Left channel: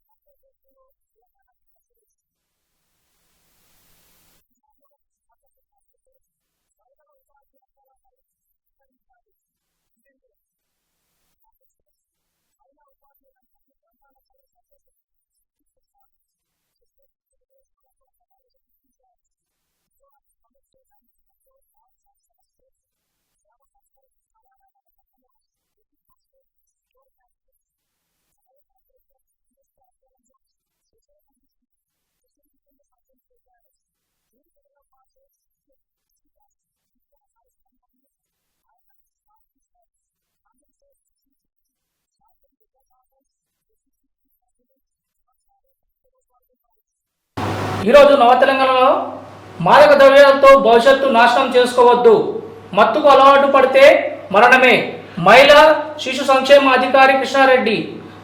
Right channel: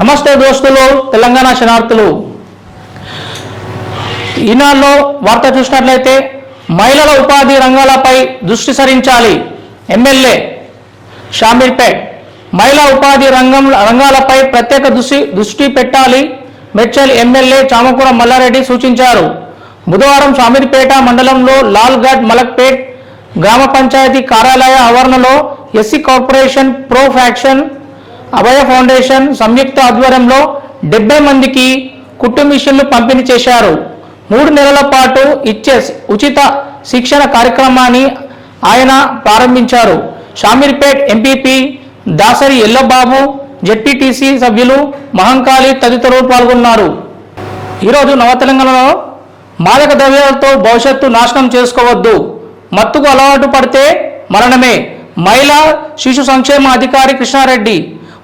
నమస్తే దోస్తులు, తెలంగాణ శనార్థులు. ఈనాడులో వార్త చూసినట్లయితే మహిళల ఉపాధి రంగాలపై దృష్టి సారించాలి. ఎమ్మెల్యే షామీర్పేట్ మహిళా ఉపాధి రంగాలపై ప్రత్యేక దృష్టి పెట్టాలి. మేడ్చల్ ఎమ్మెల్యే చామకూర మల్లారెడ్డి సూచించారు. బుధవారం షామీర్పేట మండలంలో లాల్గఢ్ మలక్పేట్ గ్రామ పంచాయతీ కార్యాలయ ఆవరణలో ఎస్సీ కార్పొరేషన్ ప్రో ఫ్యాక్షన్ అభయ ఫౌండేషన్ సంయుక్త ఆధ్వర్యంలో 70 మందికి కుట్టు మిషన్లు పంపిణీ చేశారు. 3 నెలల పాటు ఇచ్చే ఉచిత శిక్షణ కార్యక్రమాన్ని ఆయన ప్రారంభించారు. షామీర్పేట్ ఎంపీపీ దాసరి ఎల్లబాబు, జెడ్పీటీసీ సభ్యులు మహంకాళి తదితరులు పాల్గొన్నారు. ఈరోజు నవ తెలంగాణలో మాదక ద్రవ్యాలతో భవిష్యత్తు నాశనం చేసుకోవద్దు, మత్తుకు అలవాటు పడితే మరణమే. మహిళా శిశు సంక్షేమ అధికారి కృష్ణారెడ్డి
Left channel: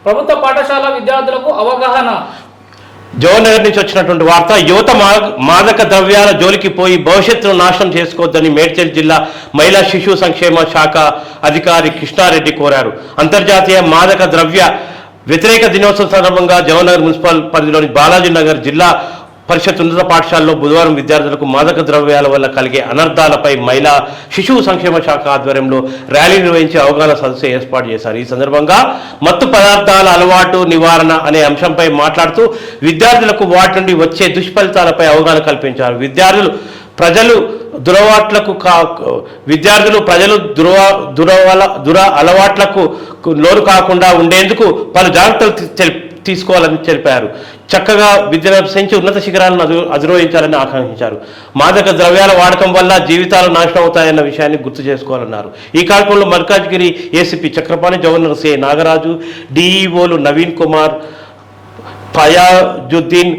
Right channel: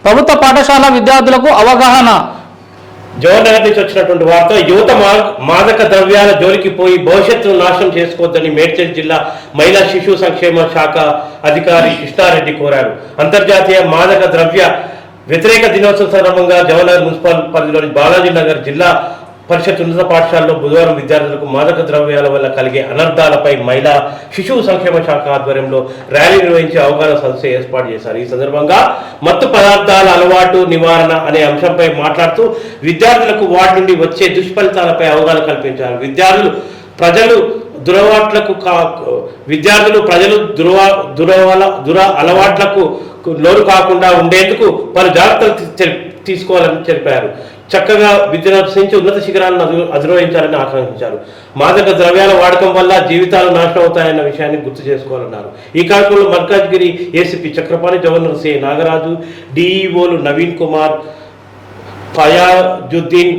ప్రభుత్వ పాఠశాల విద్యార్థులకు అవగాహన. జవహర్నగర్ నుంచి వచ్చినటువంటి వార్త. యువత మాదక ద్రవ్యాల జోలికి పోయి భవిష్యత్తును నాశనం చేసుకోవద్దని మేడ్చల్ జిల్లా మహిళా శిశు సంక్షేమ శాఖ అధికారి కృష్ణారెడ్డి కోరారు. అంతర్జాతీయ మాదక ద్రవ్య వ్యతిరేక దినోత్సవం సందర్భంగా జవహర్నగర్ మున్సిపల్ పరిధిలోని బాలాజీ నగర్ జిల్లా పరిషత్ ఉన్నత పాఠశాలలో బుధవారం విద్యార్థులకు మాదక ద్రవ్యాల వల్ల కలిగే అనర్థాలపై మహిళా శిశువు సంక్షేమ శాఖ ఆధ్వర్యంలో ర్యాలీ నిర్వహించి అవగాహన సదస్సు ఏర్పాటు చేశారు. ఈ సందర్భంగా మత్తు పదార్థాల అలవాటు నివారణ అనే అంశంపై మాట్లాడుతూ విద్యార్థులకు వాటి నుండి వచ్చే దుష్ఫలితాలపై అవగాహన కల్పించారు. ప్రజలు దుర అలవాట్లకు లోను కాకుండా ఉండేందుకు పలు జాగ్రత్తలు తీసుకోవాలని తెలిపారు. చక్కగా విద్యను అభ్యసించి ఉన్నత శిఖరాలను అధిరోహించాలని ఆకాంక్షించారు. మాదక ద్రవ్యాల వాడకం వల్ల జీవితాలు నాశనం అవుతాయన్న విషయాన్ని గుర్తు చేసుకోవాలన్నారు. ఈ కార్యక్రమంలో Malkajgiri ACP Chakrapani, governor C Nagaraju, డిఈఓలు నవీన్ కుమార్, ఫయాజుద్దీన్,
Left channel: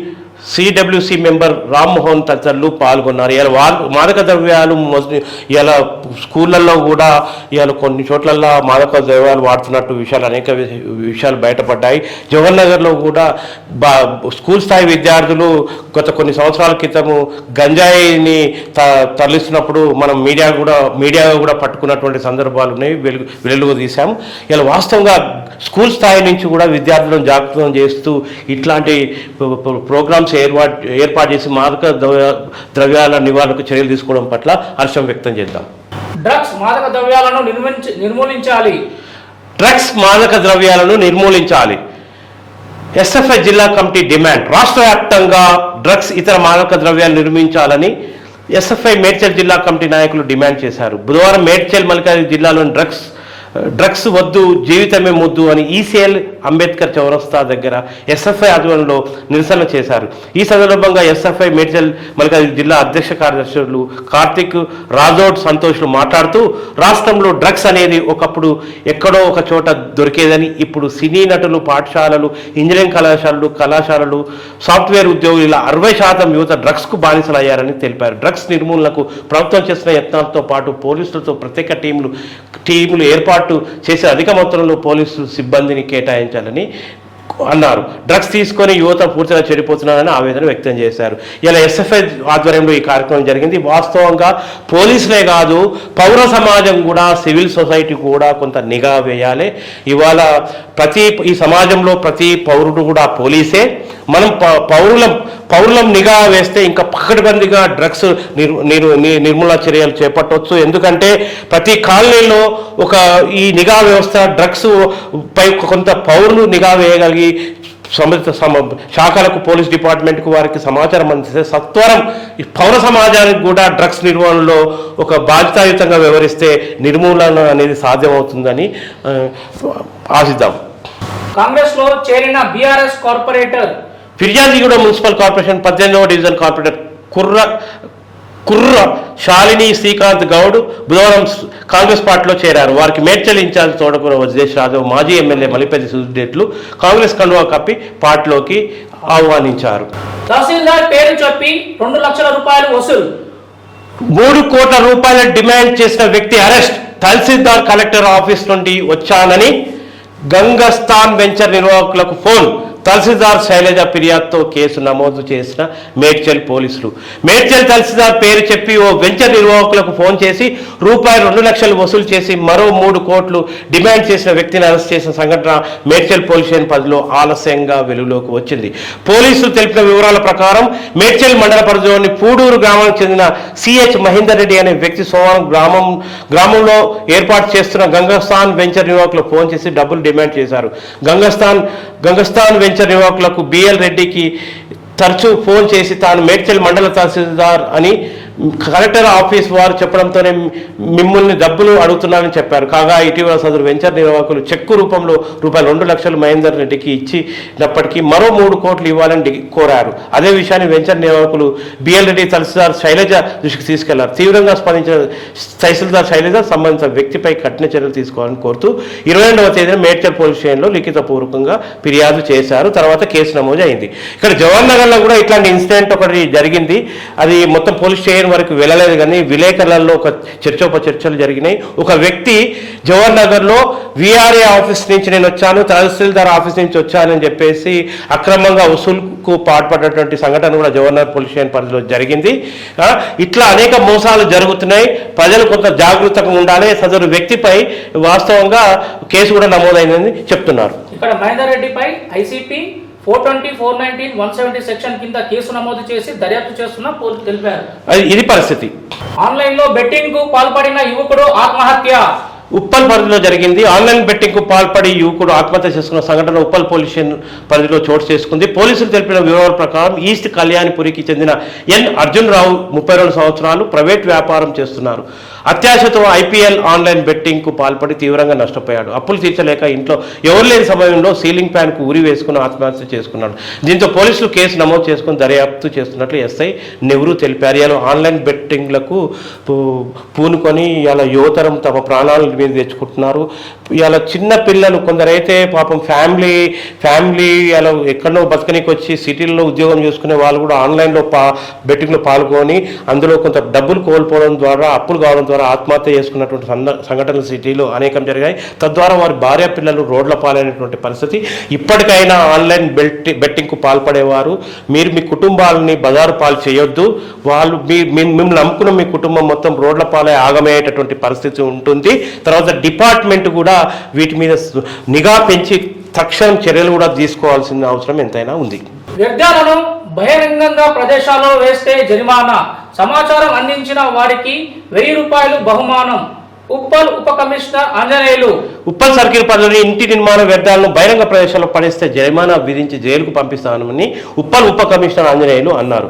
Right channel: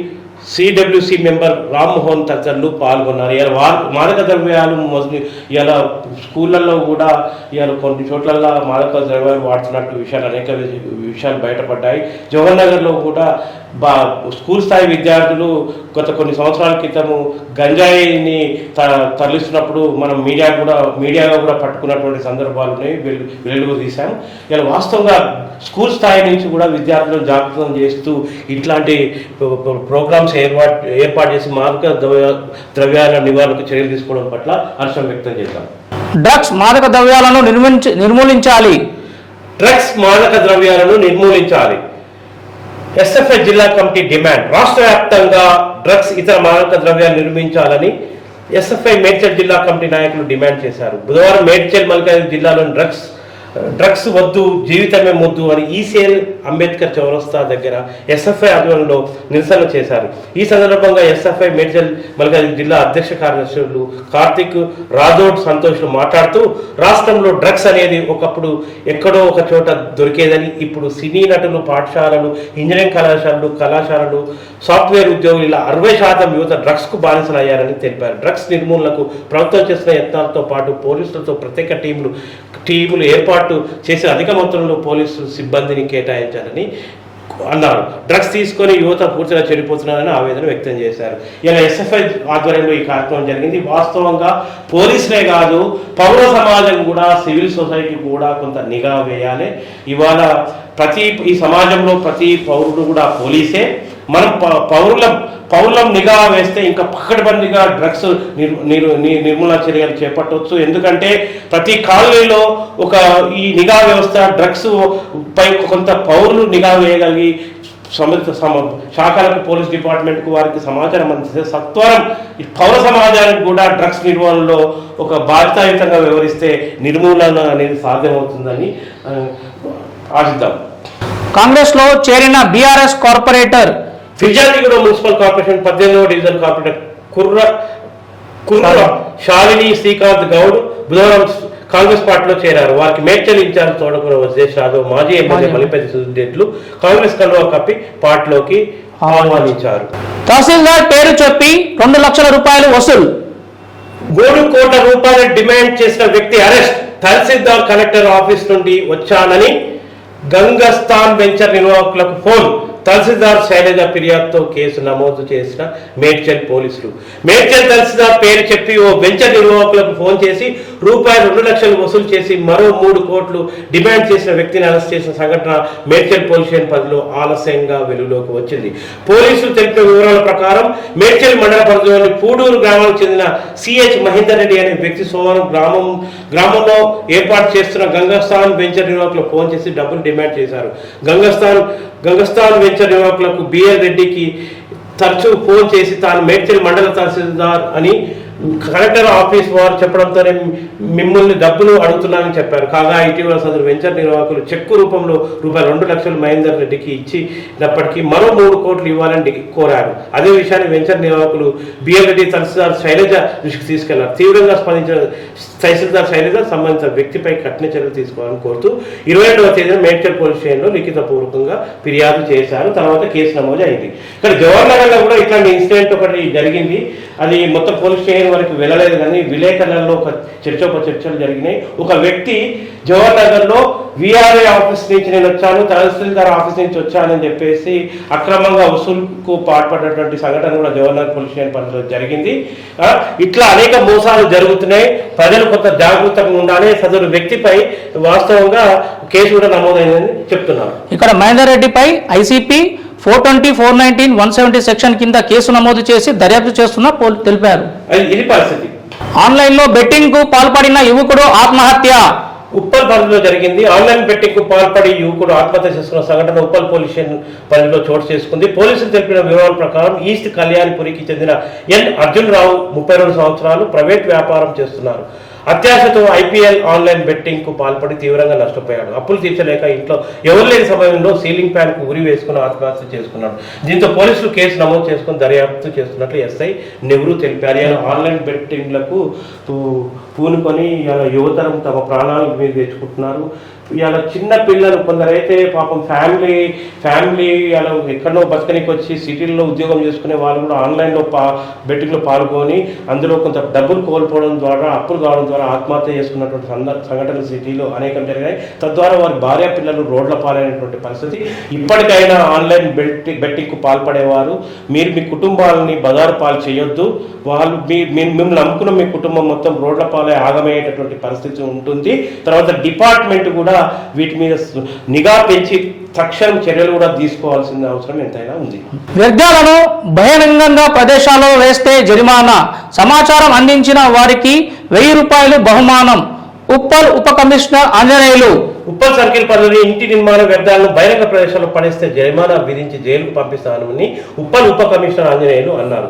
సిడబ్ల్యూసి మెంబర్ రామ్మోహన్ తదితరులు పాల్గొన్నారు. ఇలా మాదక ద్రవ్యాలు ఇలా స్కూళ్ళల్లో కూడా ఇవాళ కొన్ని చోట్లలో మాదక ద్రవ్యాలు వాడుతున్నట్టు అనేక విషయాలు బయటపడ్డాయి. జవహర్నగర్లో కూడా స్కూల్ స్థాయి విద్యార్థులు గత కొన్ని సంవత్సరాల క్రితము గంజాయిని తరలిస్తున్నప్పుడు మనం మీడియాగా కూడా పట్టుకున్నటువంటి సందర్భాలు ఉన్నాయి, వెలుగు తీశాం. ఇలా వాస్తవంగా స్కూల్ స్థాయి నుంచి కూడా విద్యార్థులను జాగృతం చేస్తూ ఇట్లాంటి ప్రోగ్రామ్స్ ఏర్పాటు చేసి మాదక ద్రవ్యాల నివారణకు చర్యలు తీసుకోవడం పట్ల హర్షం వ్యక్తం చేద్దాం. డ్రగ్స్ మాదక ద్రవ్యాలను నిర్మూలించాలి. ఎస్ఎఫ్ఐ జిల్లా కమిటీ డిమాండ్. రాష్ట్ర వ్యాప్తంగా డ్రగ్స్ ఇతర మాదక ద్రవ్యాలు నిర్మించాలని ఎస్ఎఫ్ఐ మేడ్చల్ జిల్లా కమిటీ నాయకులు డిమాండ్ చేశారు. బుధవారం మేడ్చల్ మల్కాజ్గిరి జిల్లాలోని డ్రగ్స్ వద్దు, జీవితమే ముద్దు అని ఈసీఎల్ అంబేద్కర్ చౌరస్తా దగ్గర ఎస్ఎఫ్ఐ ఆధ్వర్యంలో నిరసన చేశారు. ఈ సందర్భంగా ఎస్ఎఫ్ఐ మేడ్చల్ మల్కాజ్గిరి జిల్లా అధ్యక్ష కార్యదర్శులు కార్తిక్, రాజోడ్, సంతోష్లు మాట్లాడుతూ రాష్ట్రంలో డ్రగ్స్ అనేది ఒకప్పుడు ఎక్కడో ఒక చోట దొరికేదని, ఇప్పుడు సినీ నటులు, పాఠశాలలు, ఇంజనీరింగ్ కళాశాలలు, సాఫ్ట్వేర్ ఉద్యోగులు ఇలా 60% యువత డ్రగ్స్కు బానిసలయ్యారని తెలిపారు. డ్రగ్స్ నిర్మూలనకు ప్రభుత్వం చేసిన యత్నాలతో పాటు పోలీసులతో ప్రత్యేక టీములు ఏర్పాటు చేసే అధిక మొత్తంలో పోలీసు సిబ్బందిని కేటాయించాలని అన్నారు. డ్రగ్స్ తీసుకొని యువత పూర్తిగా చెడిపోతున్నారని ఆవేదన వ్యక్తం చేశారు. ఇలా ఎస్ఎఫ్ఐ ఆధ్వర్యంలో ఈ కార్యక్రమం జరిగింది. వాస్తవంగా పోలీసులే కాదు, పౌర సమాజం కూడా, సివిల్ సొసైటీ కూడా కొంత నిఘా వేయాలి. ఇవాళ ఈ సమాజంలో ప్రతి పౌరుడు కూడా పోలీసే. మనం పౌరులం నిఘా వేస్తే ఇంకా పకడ్బందీగా డ్రగ్స్ నిర్మూలన చర్యలు చేపట్టవచ్చు. ఎందుకంటే ప్రతి కాలనీలో ఈ నిఘా వ్యవస్థ డ్రగ్స్ పై కొంత పౌరులు నిఘా వేయగలిగి సంబంధిత శాఖలకు, పోలీస్ డిపార్ట్మెంట్కు వారికి సమాచారం అందిస్తే సత్వరం పౌర సమాజానికి కూడా డ్రగ్స్ నిర్వహణలో ఒక బాధ్యతాయుతంగా వ్యవహరిస్తే నిర్మూలన అనేది సాధ్యమవుతుందని ఆశిద్దాం. కాంగ్రెస్లో చేరిన BRS corporator Peerzadiguda municipal corporation 18వ డివిజన్ కార్పొరేటర్ కుర్ర శాలిని శ్రీకాంత్ గౌడ్ బుధవారం కాంగ్రెస్ పార్టీలో చేరారు. వారికి మేడ్చల్ ఇన్ఛార్జ్ తోటకూర వజేష్ యాదవ్, మాజీ ఎమ్మెల్యే మలిపెద్ది సుధీరెడ్లు కాంగ్రెస్ కండువా కప్పి పార్టీలోకి ఆహ్వానించారు. తహసీల్దార్ పేరు చెప్పి 2 లక్షల రూపాయలు వసూలు. 3 కోట్ల రూపాయల డిమాండ్ చేసిన వ్యక్తి అరెస్ట్. తహసీల్దార్ కలెక్టర్ ఆఫీస్ నుండి వచ్చానని గంగస్థాన్ వెంచర్ నిర్వాహకులకు ఫోన్. తహసీల్దార్ శైలజ ఫిర్యాదుతో కేసు నమోదు చేసిన మేడ్చల్ పోలీసులు. మేడ్చల్ తహసీల్దార్ పేరు చెప్పి ఓ వెంచర్ నిర్వాహకులకు ఫోన్ చేసి రూపాయలు 2 లక్షలు వసూలు చేసి మరో 3 కోట్లు డిమాండ్ చేసిన వ్యక్తిని అరెస్ట్ చేసిన సంఘటన మేడ్చల్ పోలీస్ స్టేషన్ పరిధిలో ఆలస్యంగా వెలుగులోకి వచ్చింది. పోలీసులు తెలిపిన వివరాల ప్రకారం మేడ్చల్ మండల పరిధిలోని పూడూరు గ్రామానికి చెందిన సిహెచ్ మహేందర్ రెడ్డి అనే వ్యక్తి సోమవారం గ్రామంలో ఏర్పాటు చేస్తున్న గంగస్థాన్ వెంచర్ నిర్వాహకులకు ఫోన్ చేసి డబ్బులు డిమాండ్ చేశారు. గంగస్థాన్ వెంచర్ నిర్వాహకులకు బిఎల్ రెడ్డికి తరచూ ఫోన్ చేసి తాను మేడ్చల్ మండల తహసీల్దార్ అని కలెక్టర్ ఆఫీస్ వారు చెప్పడంతోనే మిమ్మల్ని డబ్బులు అడుగుతున్నారని చెప్పారు. కాగా ఇటీవల సదరు వెంచర్ నిర్వాహకులు చెక్కు రూపంలో రూపాయలు 2 లక్షలు మహేందర్ రెడ్డికి ఇచ్చినప్పటికీ మరో 3 కోట్లు ఇవ్వాలని కోరారు. అదే విషయాన్ని వెంచర్ నిర్వాహకులు బిఎల్ రెడ్డి తహసీల్దార్ శైలజ దృష్టికి తీసుకెళ్లారు. తీవ్రంగా స్పందించిన తహసీల్దార్ శైలజ సంబంధించిన వ్యక్తిపై కఠిన చర్యలు తీసుకోవాలని కోరుతూ 22వ తేదీన మేడ్చల్ పోలీస్ స్టేషన్లో లిఖితపూర్వకంగా ఫిర్యాదు చేశారు. తర్వాత కేసు నమోదు అయింది. ఇక్కడ జవహర్ నగర్లో కూడా ఇట్లాంటి ఇన్సిడెంట్ ఒకటి జరిగింది. అది మొత్తం పోలీస్ స్టేషన్ వరకు వెళ్ళలేదు, కానీ విలేకరులలో ఒక చర్చలు జరిగినాయి. ఒక వ్యక్తి జవహర్ నగర్ లో విఆర్ఏ ఆఫీస్ నుంచి నేను వచ్చాను, తహసీల్దార్ ఆఫీస్ నుంచి వచ్చానని చెప్పేసి అక్రమంగా వసూలుకు పాల్పడినటువంటి సంఘటన కూడా జవహర్ నగర్ పోలీస్ స్టేషన్ పరిధిలో జరిగింది. ఇట్లా అనేక మోసాలు జరుగుతున్నాయి. ప్రజలు కొంత జాగృతంగా ఉండాలి. సదరు వ్యక్తిపై వాస్తవంగా కేసు కూడా నమోదైందని చెప్తున్నారు. ఇక్కడ మహేందర్ రెడ్డిపై ఐసీపీ 420, 419, 170 సెక్షన్ కింద కేసు నమోదు చేసి దర్యాప్తు చేస్తున్న తెలిపారు. ఇది పరిస్థితి. ఆన్లైన్ లో బెట్టింగ్ కు పాల్పడిన యువకుడు ఆత్మహత్య. ఉప్పల్ పరిధిలో జరిగింది. ఆన్లైన్ బెట్టింగ్ కు పాల్పడి యువకుడు ఆత్మహత్య చేసుకున్న సంఘటన ఉప్పల్ పోలీస్ స్టేషన్ పరిధిలో చోటు చేసుకుంది. పోలీసులు తెలిపిన వివరాల ప్రకారం ఈస్ట్ కళ్యాణిపురికి చెందిన ఎన్ అర్జున్ రావు 32 సంవత్సరాలు ప్రైవేట్ వ్యాపారం చేస్తున్నారు. అత్యాశతో ఐపీఎల్ ఆన్లైన్ బెట్టింగ్ కు పాల్పడి తీవ్రంగా నష్టపోయాడు. అప్పులు తీర్చలేక ఇంట్లో ఎవరు లేని సమయంలో సీలింగ్ ఫ్యాన్ కు ఉరి వేసుకుని ఆత్మహత్య చేసుకున్నాడు. దీంతో పోలీసులు కేసు నమోదు చేసుకుని దర్యాప్తు చేస్తున్నట్లు ఎస్ఐ నెహ్రూ తెలిపారు. ఇలా ఆన్లైన్ బెట్టింగ్లకు పూనుకొని ఇలా యువతరం తమ ప్రాణాల మీద తెచ్చుకుంటున్నారు. ఇలా చిన్న పిల్లలు కొందరైతే పాపం ఫ్యామిలీ ఇలా ఎక్కడో బతకనికి వచ్చి సిటీల్లో ఉద్యోగం చేసుకునే వాళ్ళు కూడా ఆన్లైన్లో బెట్టింగ్లో పాల్గొని అందులో కొంత డబ్బులు కోల్పోవడం ద్వారా, అప్పులు కావడం ద్వారా ఆత్మహత్య చేసుకున్నటువంటి సంఘటనలు సిటీలో అనేకం జరిగాయి. తద్వారా వారి భార్య పిల్లలు రోడ్ల పాలైనటువంటి పరిస్థితి. ఇప్పటికైనా ఆన్లైన్ బెట్టింగ్కు పాల్పడేవారు మీరు మీ కుటుంబాలని బజారు పాలు చేయొద్దు. వాళ్ళు మిమ్మల్ని నమ్ముకున్న మీ కుటుంబం మొత్తం రోడ్ల పాలై ఆగమయ్యేటటువంటి పరిస్థితి ఉంటుంది. తర్వాత డిపార్ట్మెంట్ కూడా వీటి మీద నిఘా పెంచి తక్షణం చర్యలు కూడా తీసుకోవాల్సిన అవసరం ఎంతైనా ఉంది. వ్యర్థాలను బహిరంగంగా ప్రదేశాల్లో వేస్తే జరిమానా, సమాచారం అందించిన వారికి 1000 రూపాయలు బహుమానం. ఉప్పల్ ఉప కమిషనర్ ఆంజనేయులు. ఉప్పల్ సర్కిల్ పరిధిలోని ఇంటి నిర్మాణ వ్యర్థాలను బహిరంగ ప్రదేశాల్లో పడేస్తే జరిమానా విధించి జైలుకు పంపిస్తామని ఉప్పల్ ఉప కమిషనర్ ఆంజనేయులు అన్నారు.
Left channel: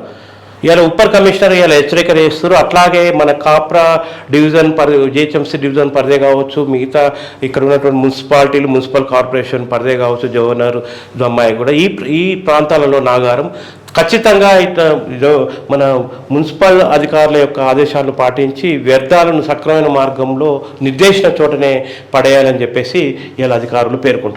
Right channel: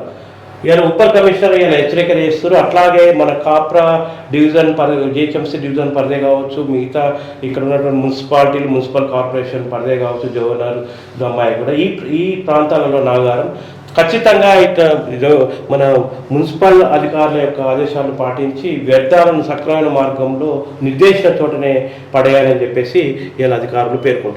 ఇలా ఉప్పల్ కమిషనర్ ఇలా హెచ్చరిక చేస్తారు. అట్లాగే మన కాప్రా డివిజన్ జిహెచ్ఎంసీ డివిజన్ పరిధే కావచ్చు, మిగతా ఇక్కడ ఉన్నటువంటి మున్సిపాలిటీలు, మున్సిపల్ కార్పొరేషన్ పరిధే కావచ్చు, జవహర్ దమ్మాయి కూడా ఈ ప్రాంతాలలో నాగారం ఖచ్చితంగా మన మున్సిపల్ అధికారుల యొక్క ఆదేశాలను పాటించి వ్యర్థాలను సక్రమైన మార్గంలో నిర్దేశించిన చోటనే పడేయాలని చెప్పేసి ఇలా అధికారులు పేర్కొంటున్నారు.